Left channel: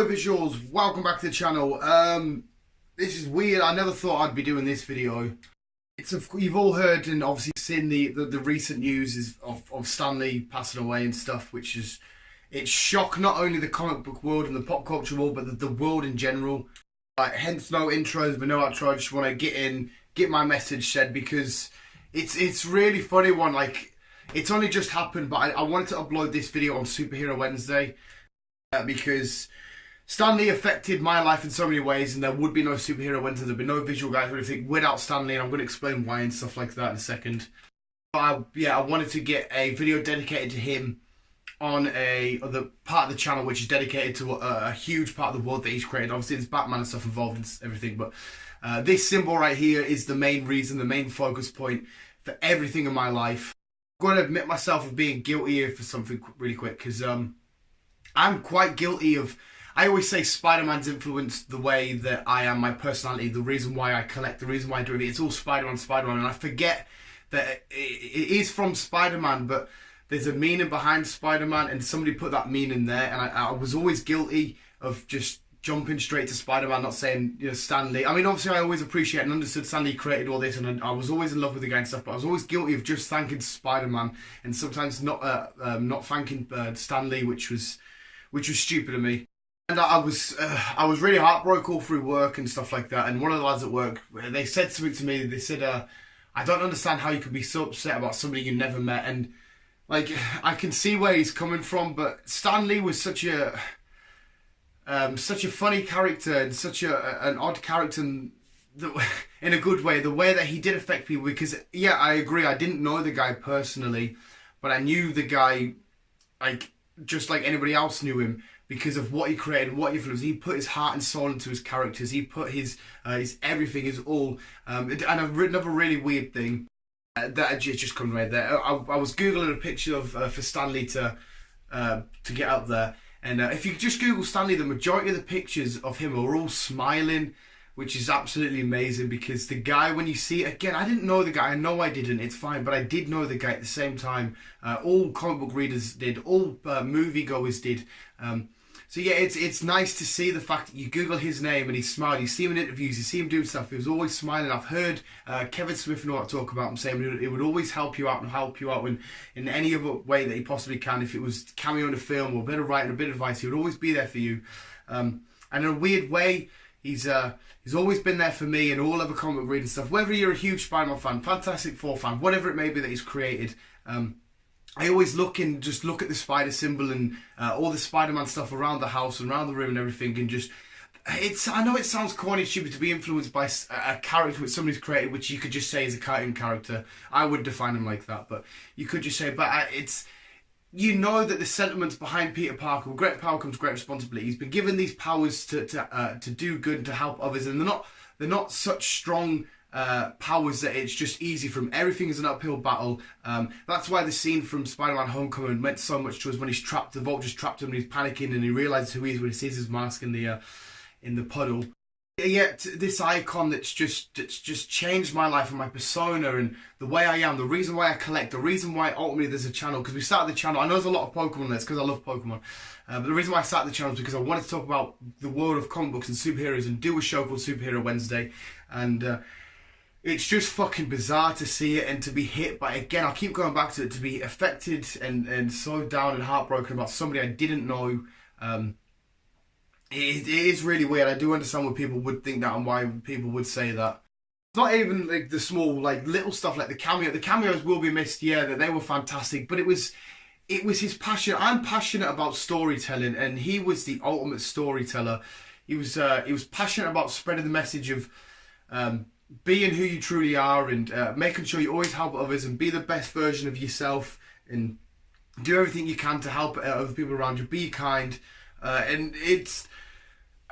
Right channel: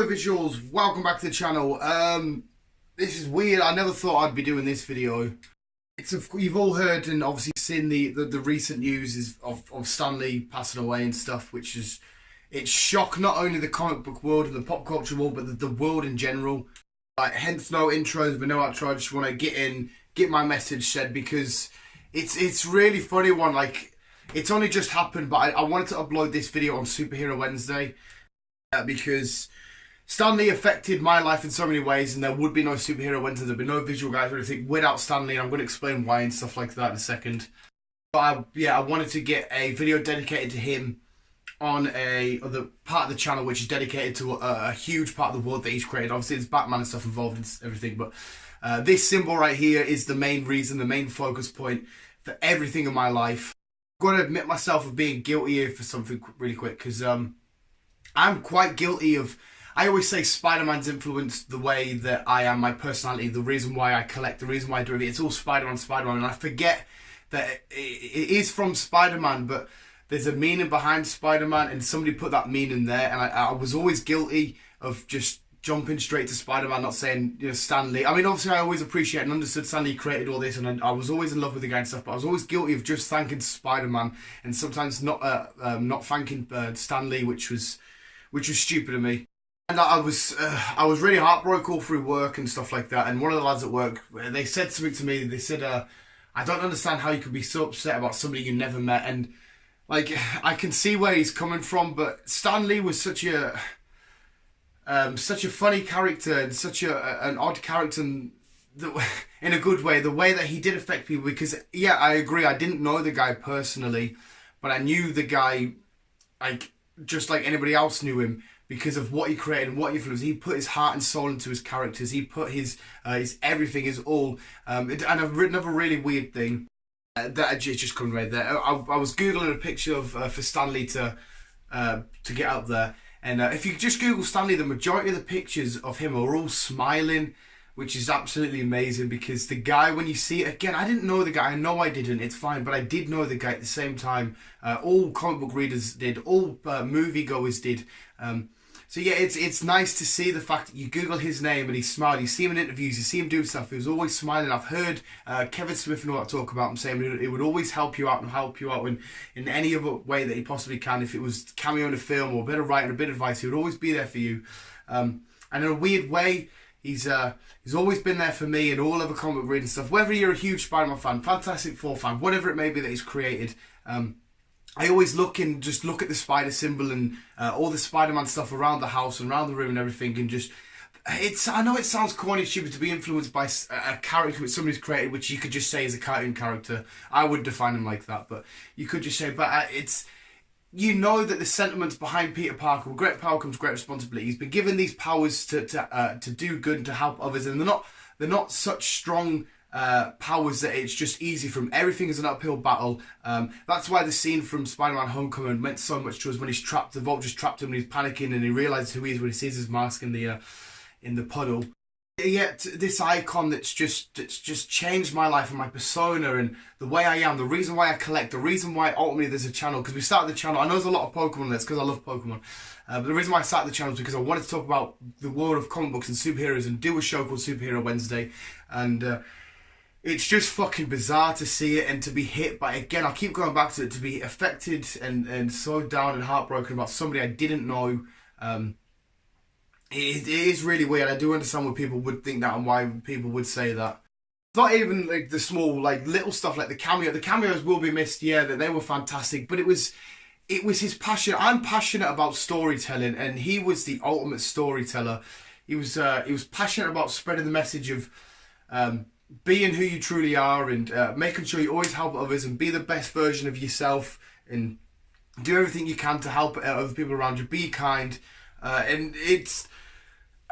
Hello visuals, welcome back to the channel. This is weird. I never thought I'd be doing this video. You've all heard and obviously seen the recent news of Stan Lee passing away and stuff, which is, it's shocked not only the comic book world and the pop culture world, but the world in general. Hence no intros, but no outro. I just want to get my message said, because it's really funny one. Like, it's only just happened, but I wanted to upload this video on Superhero Wednesday because Stan Lee affected my life in so many ways, and there would be no Superhero Wednesday, there'd be no visual guys or anything without Stan Lee, and I'm going to explain why and stuff like that in a second. But I wanted to get a video dedicated to him on the part of the channel which is dedicated to a huge part of the world that he's created. Obviously there's Batman and stuff involved and everything, but this symbol right here is the main reason, the main focus point for everything in my life. I'm going to admit myself of being guilty here for something really quick, because I'm quite guilty of, I always say Spider-Man's influenced the way that I am, my personality, the reason why I collect, the reason why I do it. It's all Spider-Man, and I forget that it is from Spider-Man, but there's a meaning behind Spider-Man, and somebody put that meaning there, and I was always guilty of just jumping straight to Spider-Man, not saying, you know, Stan Lee. I mean, obviously I always appreciate and understood Stan Lee created all this, and I was always in love with the guy and stuff, but I was always guilty of just thanking Spider-Man, and sometimes not thanking Stan Lee, which was stupid of me. And I was really heartbroken all through work and stuff like that. And one of the lads at work, they said something to me. They said, "I don't understand how you could be so upset about somebody you never met." And like, I can see where he's coming from, but Stan Lee was such a funny character and such an odd character, in a good way. The way that he did affect people, because yeah, I agree. I didn't know the guy personally, but I knew the guy like just like anybody else knew him, because of what he created and what he influenced. He put his heart and soul into his characters. He put his everything, his all. And I've written another really weird thing that just come right there. I was googling a picture of for Stan Lee to get up there, and if you just Google Stan Lee, the majority of the pictures of him are all smiling, which is absolutely amazing. Because the guy, when you see it again, I didn't know the guy. I know I didn't. It's fine, but I did know the guy at the same time. All comic book readers did. All moviegoers did. So yeah, it's nice to see the fact that you Google his name and he smiled. You see him in interviews, you see him doing stuff. He was always smiling. I've heard Kevin Smith and all that talk about him, saying it would always help you out in any other way that he possibly can. If it was cameo in a film or a bit of writing, a bit of advice, he would always be there for you. And in a weird way, he's always been there for me and all other comic book reading stuff. Whether you're a huge Spider-Man fan, Fantastic Four fan, whatever it may be that he's created, I always look at the spider symbol and all the Spider-Man stuff around the house and around the room and everything, and just, I know it sounds corny and stupid to be influenced by a character which somebody's created, which you could just say is a cartoon character. I would define him like that, but you could just say, but it's, you know that the sentiments behind Peter Parker, with great power comes great responsibility. He's been given these powers to do good and to help others, and they're not such strong powers that it's just easy for him. Everything is an uphill battle. That's why the scene from Spider-Man Homecoming meant so much to us, when he's trapped, the Vulture's trapped him and he's panicking, and he realises who he is when he sees his mask in the puddle. Yet this icon that's just changed my life and my persona and the way I am, the reason why I collect, the reason why ultimately there's a channel, because we started the channel, I know there's a lot of Pokemon there, it's because I love Pokemon, but the reason why I started the channel is because I wanted to talk about the world of comic books and superheroes and do a show called Superhero Wednesday, and it's just fucking bizarre to see it and to be hit by, again, I'll keep going back to it, to be affected and so down and heartbroken about somebody I didn't know. It is really weird. I do understand why people would think that and why people would say that. It's not even like the small, like little stuff like the cameo. The cameos will be missed, yeah, that they were fantastic, but it was his passion. I'm passionate about storytelling, and he was the ultimate storyteller. He was passionate about spreading the message of being who you truly are, and making sure you always help others and be the best version of yourself and do everything you can to help other people around you. Be kind, and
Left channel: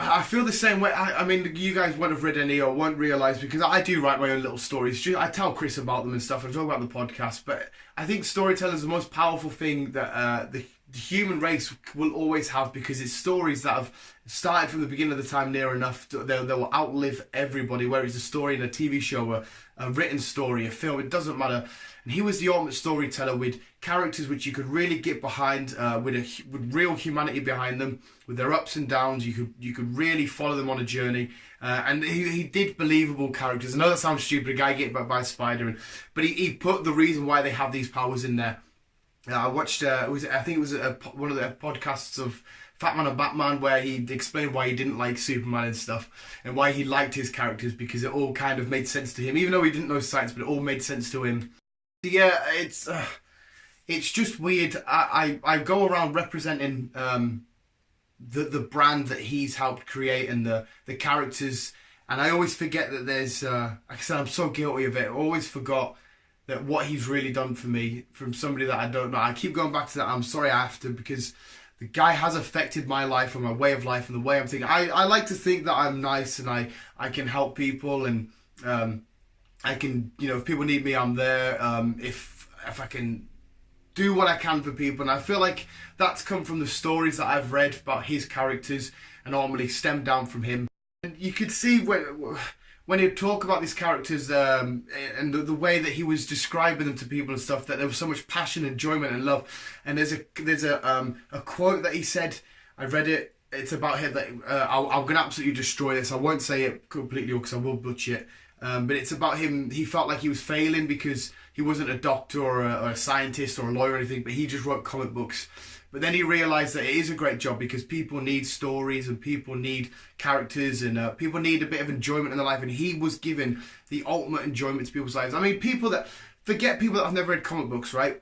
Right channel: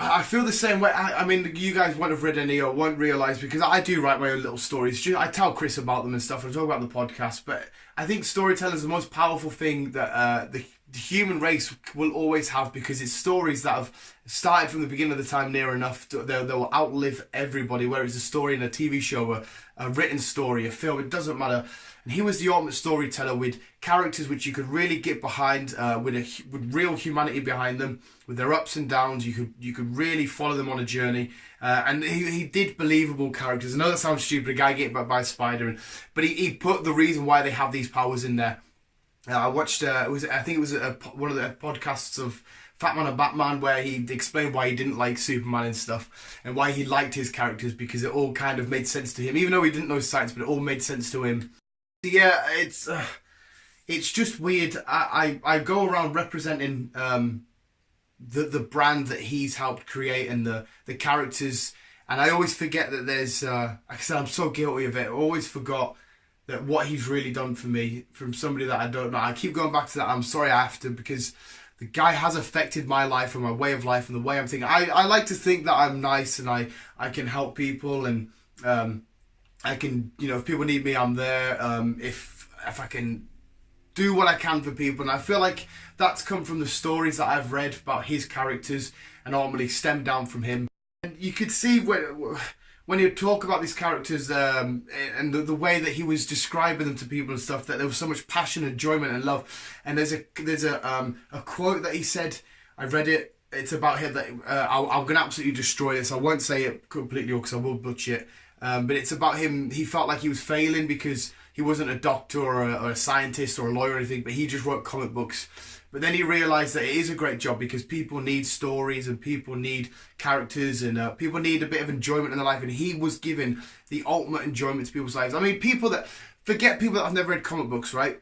I feel the same way. I mean, you guys won't have read any or won't realise, because I do write my own little stories. I tell Chris about them and stuff, and I talk about the podcast, but I think storytelling is the most powerful thing that the human race will always have, because it's stories that have started from the beginning of the time near enough they will outlive everybody, whether it's a story in a TV show, a written story, a film, it doesn't matter. And he was the ultimate storyteller, with characters which you could really get behind, with real humanity behind them, with their ups and downs. You could really follow them on a journey, and he did believable characters. I know that sounds stupid, a guy getting back by a spider, but he put the reason why they have these powers in there. I watched, I think it was one of the podcasts of Fat Man and Batman, where he explained why he didn't like Superman and stuff, and why he liked his characters, because it all kind of made sense to him, even though he didn't know science, but it all made sense to him. Yeah, it's just weird. I go around representing the brand that he's helped create, and the characters, and I always forget that there's, like I said, I'm so guilty of it. I always forgot that what he's really done for me, from somebody that I don't know. I keep going back to that. I'm sorry I have to, because the guy has affected my life and my way of life and the way I'm thinking. I like to think that I'm nice and I can help people, and I can, if people need me, I'm there. If I can do what I can for people, and I feel like that's come from the stories that I've read about his characters, and ultimately stemmed down from him. And you could see when he would talk about these characters, and the way that he was describing them to people and stuff, that there was so much passion, enjoyment, and love. And there's a quote that he said. I read it. It's about him that I'm gonna absolutely destroy this. I won't say it completely because I will butcher it. But it's about him. He felt like he was failing because he wasn't a doctor or a scientist or a lawyer or anything, but he just wrote comic books. But then he realised that it is a great job, because people need stories, and people need characters, and people need a bit of enjoyment in their life. And he was given the ultimate enjoyment to people's lives. I mean, people that have never read comic books, right?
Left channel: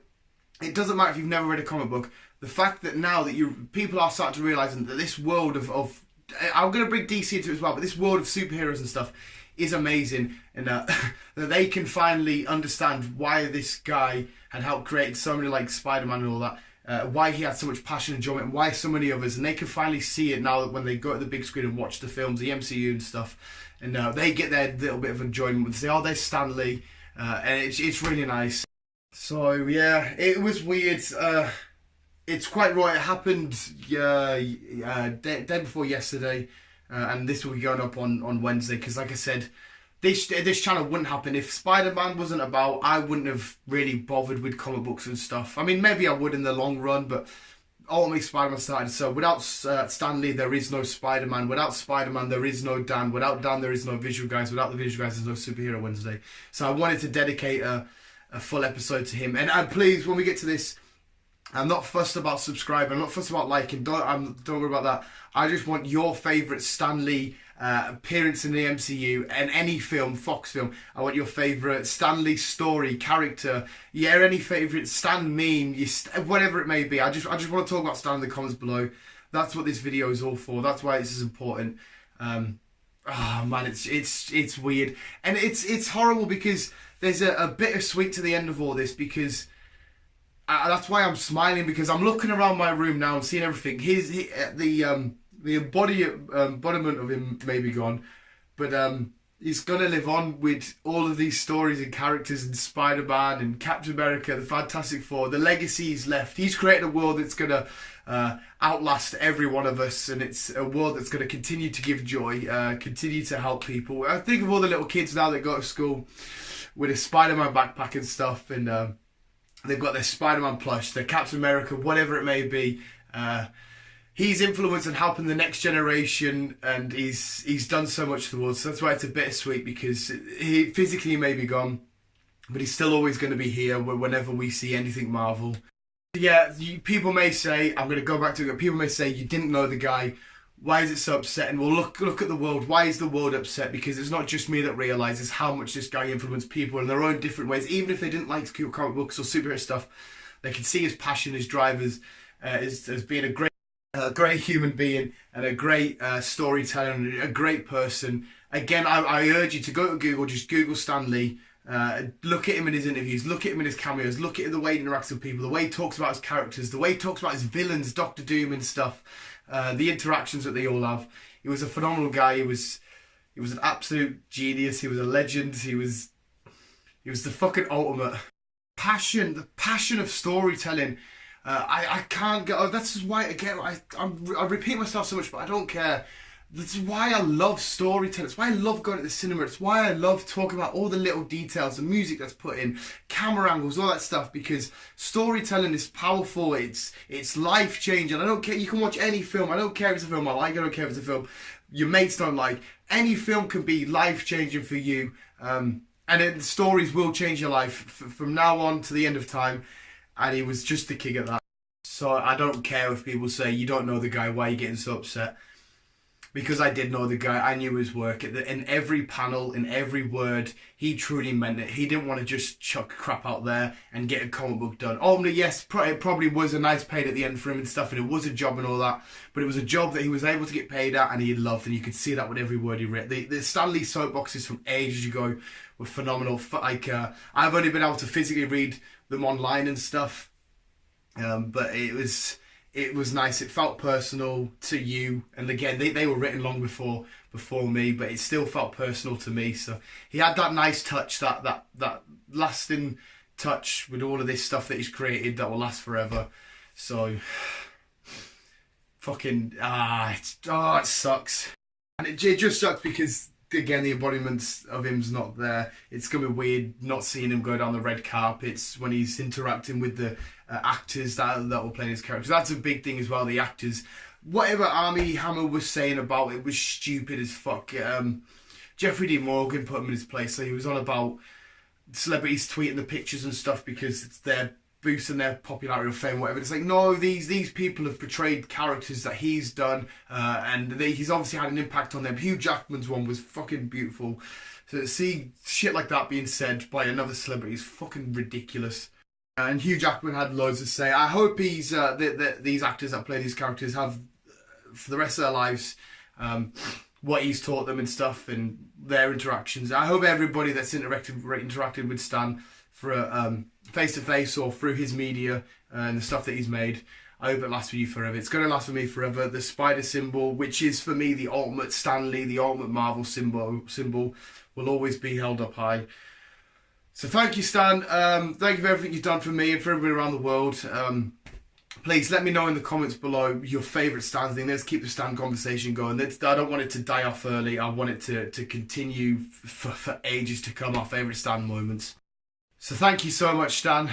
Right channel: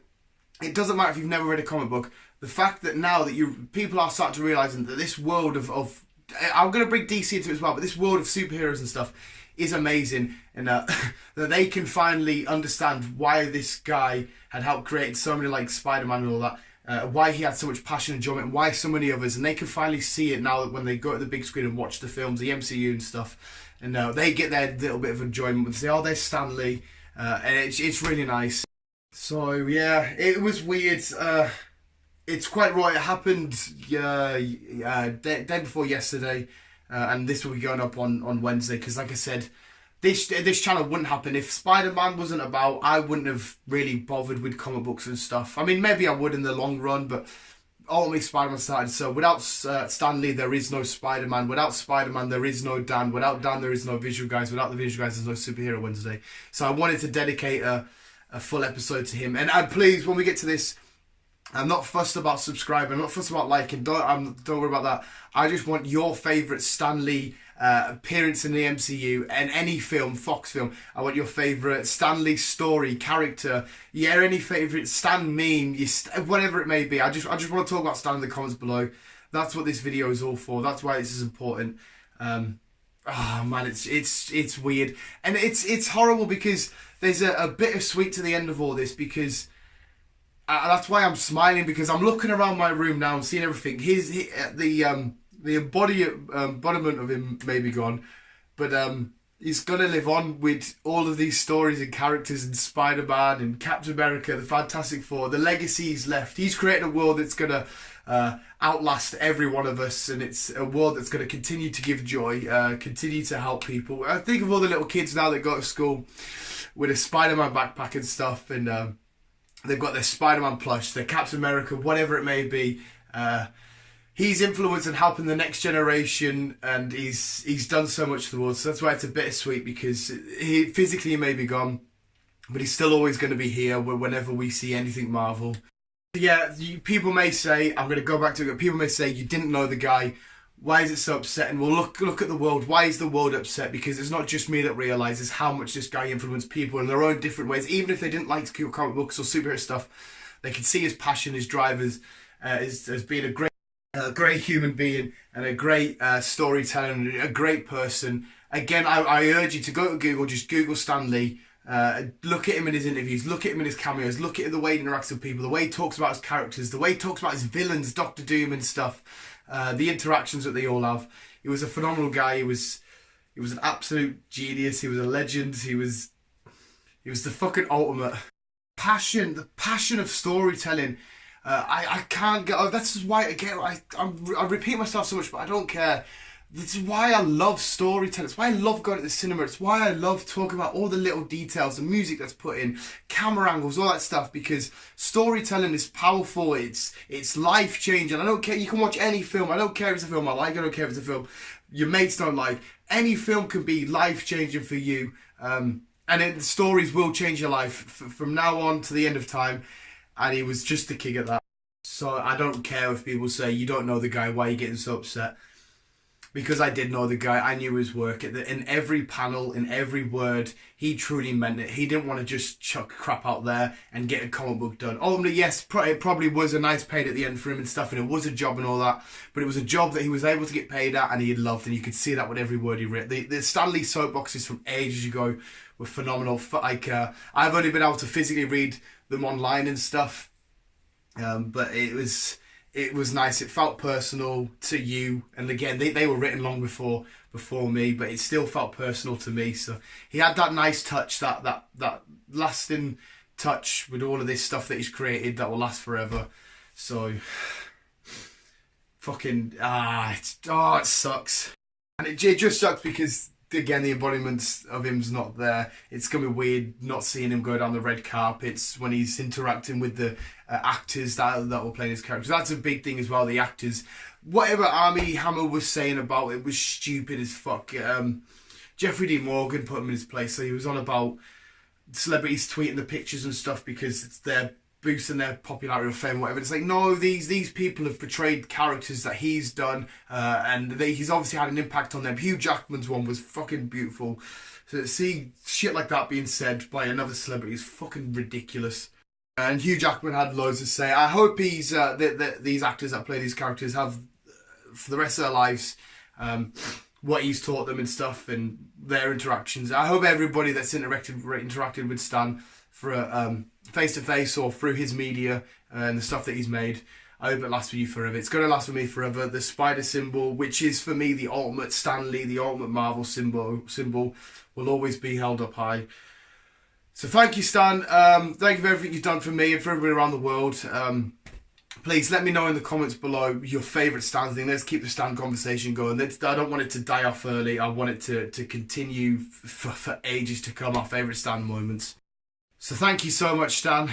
It doesn't matter if you've never read a comic book. The fact that now that people are starting to realise that this world of I'm going to bring DC into it as well, but this world of superheroes and stuff is amazing, and that they can finally understand why this guy had helped create so many, like Spider-Man and all that. Why he had so much passion and enjoyment, and why so many others, and they can finally see it now that when they go to the big screen and watch the films, the MCU and stuff, and they get their little bit of enjoyment when they say, oh, there's Stan Lee, and it's really nice. So yeah, it was weird. It's quite right. It happened day before yesterday, and this will be going up on Wednesday, because like I said, this channel wouldn't happen if Spider-Man wasn't about. I wouldn't have really bothered with comic books and stuff. I mean, maybe I would in the long run, but ultimately Spider-Man started. So without Stan Lee, there is no Spider-Man. Without Spider-Man, there is no Dan. Without Dan, there is no Visual Guys. Without the Visual Guys, there's no Superhero Wednesday. So I wanted to dedicate a full episode to him. And please, when we get to this, I'm not fussed about subscribing. I'm not fussed about liking. Don't worry about that. I just want your favourite Stan Lee appearance in the MCU and any film, Fox film. I want your favourite Stan Lee story, character, any favourite Stan meme, whatever it may be. I just want to talk about Stan in the comments below. That's what this video is all for. That's why this is important. Oh man, it's weird, and it's horrible, because there's a bittersweet to the end of all this, because that's why I'm smiling, because I'm looking around my room now and seeing everything. The embodiment of him may be gone, but he's going to live on with all of these stories and characters, and Spider-Man and Captain America, the Fantastic Four. The legacy he's left. He's created a world that's going to outlast every one of us, and it's a world that's going to continue to give joy, continue to help people. I think of all the little kids now that go to school with a Spider-Man backpack and stuff, and they've got their Spider-Man plush, their Captain America, whatever it may be. He's influenced and helping the next generation, and he's done so much for the world. So that's why it's a bittersweet, because he physically may be gone, but he's still always going to be here whenever we see anything Marvel. Yeah, people may say, I'm going to go back to it, people may say, you didn't know the guy. Why is it so upsetting? Well, look at the world. Why is the world upset? Because it's not just me that realises how much this guy influenced people in their own different ways. Even if they didn't like comic books or superhero stuff, they could see his passion, his drive as being a great human being, and a great storyteller, and a great person. Again, I urge you to go to Google, just Google Stan Lee, look at him in his interviews, look at him in his cameos, look at the way he interacts with people, the way he talks about his characters, the way he talks about his villains, Doctor Doom and stuff, the interactions that they all have. He was a phenomenal guy. He was an absolute genius. He was a legend. He was the fucking ultimate. The passion of storytelling. I can't get. Oh, that's why again I repeat myself so much, but I don't care. This is why I love storytelling. It's why I love going to the cinema. It's why I love talking about all the little details, the music that's put in, camera angles, all that stuff. Because storytelling is powerful. It's life changing. I don't care. You can watch any film. I don't care if it's a film I like. I don't care if it's a film your mates don't like. Any film can be life changing for you. And the stories will change your life from now on to the end of time. And he was just the king at that. So I don't care if people say you don't know the guy. Why are you getting so upset? Because I did know the guy, I knew his work. In every panel, in every word, he truly meant it. He didn't want to just chuck crap out there and get a comic book done. Ultimately, yes, it probably was a nice paid at the end for him and stuff, and it was a job and all that, but it was a job that he was able to get paid at and he loved, and you could see that with every word he wrote. The Stan Lee soapboxes from ages ago were phenomenal. Like, I've only been able to physically read them online and stuff, but it was nice. It felt personal to you, and again, they were written long before me, but it still felt personal to me. So he had that nice touch, that lasting touch with all of this stuff that he's created that will last forever. So fucking it sucks, and it just sucks because again the embodiment of him's not there. It's gonna be weird not seeing him go down the red carpets when he's interacting with the actors that will play his characters. That's a big thing as well. The actors, whatever Armie Hammer was saying about it was stupid as fuck. Jeffrey D. Morgan put him in his place. So he was on about celebrities tweeting the pictures and stuff because it's their boosting their popularity or fame, whatever. It's like, no, these people have portrayed characters that he's done, and he's obviously had an impact on them. Hugh Jackman's one was fucking beautiful. So to see shit like that being said by another celebrity is fucking ridiculous. And Hugh Jackman had loads to say. I hope he's these actors that play these characters have, for the rest of their lives, what he's taught them and stuff, and their interactions. I hope everybody that's interacted with Stan for face to face or through his media and the stuff that he's made, I hope it lasts with you forever. It's going to last for me forever. The spider symbol, which is for me the ultimate Stan Lee, the ultimate Marvel symbol, will always be held up high. So thank you, Stan. Thank you for everything you've done for me and for everybody around the world. Please let me know in the comments below your favourite Stan thing. Let's keep the Stan conversation going. I don't want it to die off early. I want it to continue for ages to come, our favourite Stan moments. So thank you so much, Stan.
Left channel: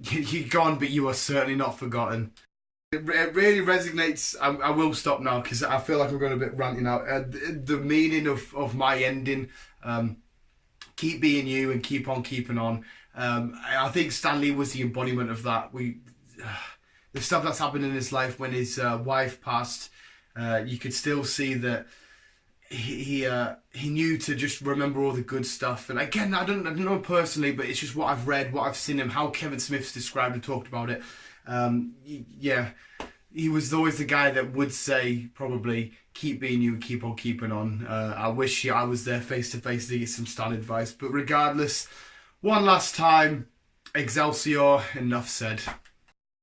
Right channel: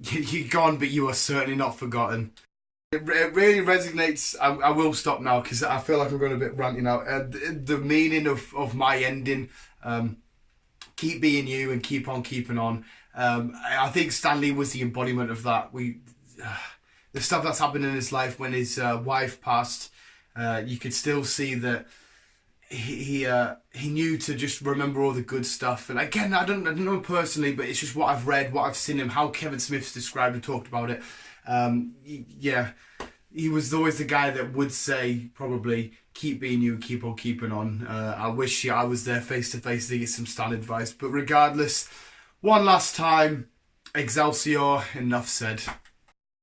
You're gone, but you are certainly not forgotten. It really resonates. I will stop now because I feel like I'm going a bit ranty now. The meaning of my ending, keep being you and keep on keeping on. I think Stan Lee was the embodiment of that. The stuff that's happened in his life when his wife passed, you could still see that he knew to just remember all the good stuff. And again, I don't know personally, but it's just what I've read, what I've seen him, how Kevin Smith's described and talked about it. Yeah, he was always the guy that would say probably keep being you and keep on keeping on. I wish I was there face to face to get some Stan advice, but regardless, one last time, Excelsior, enough said.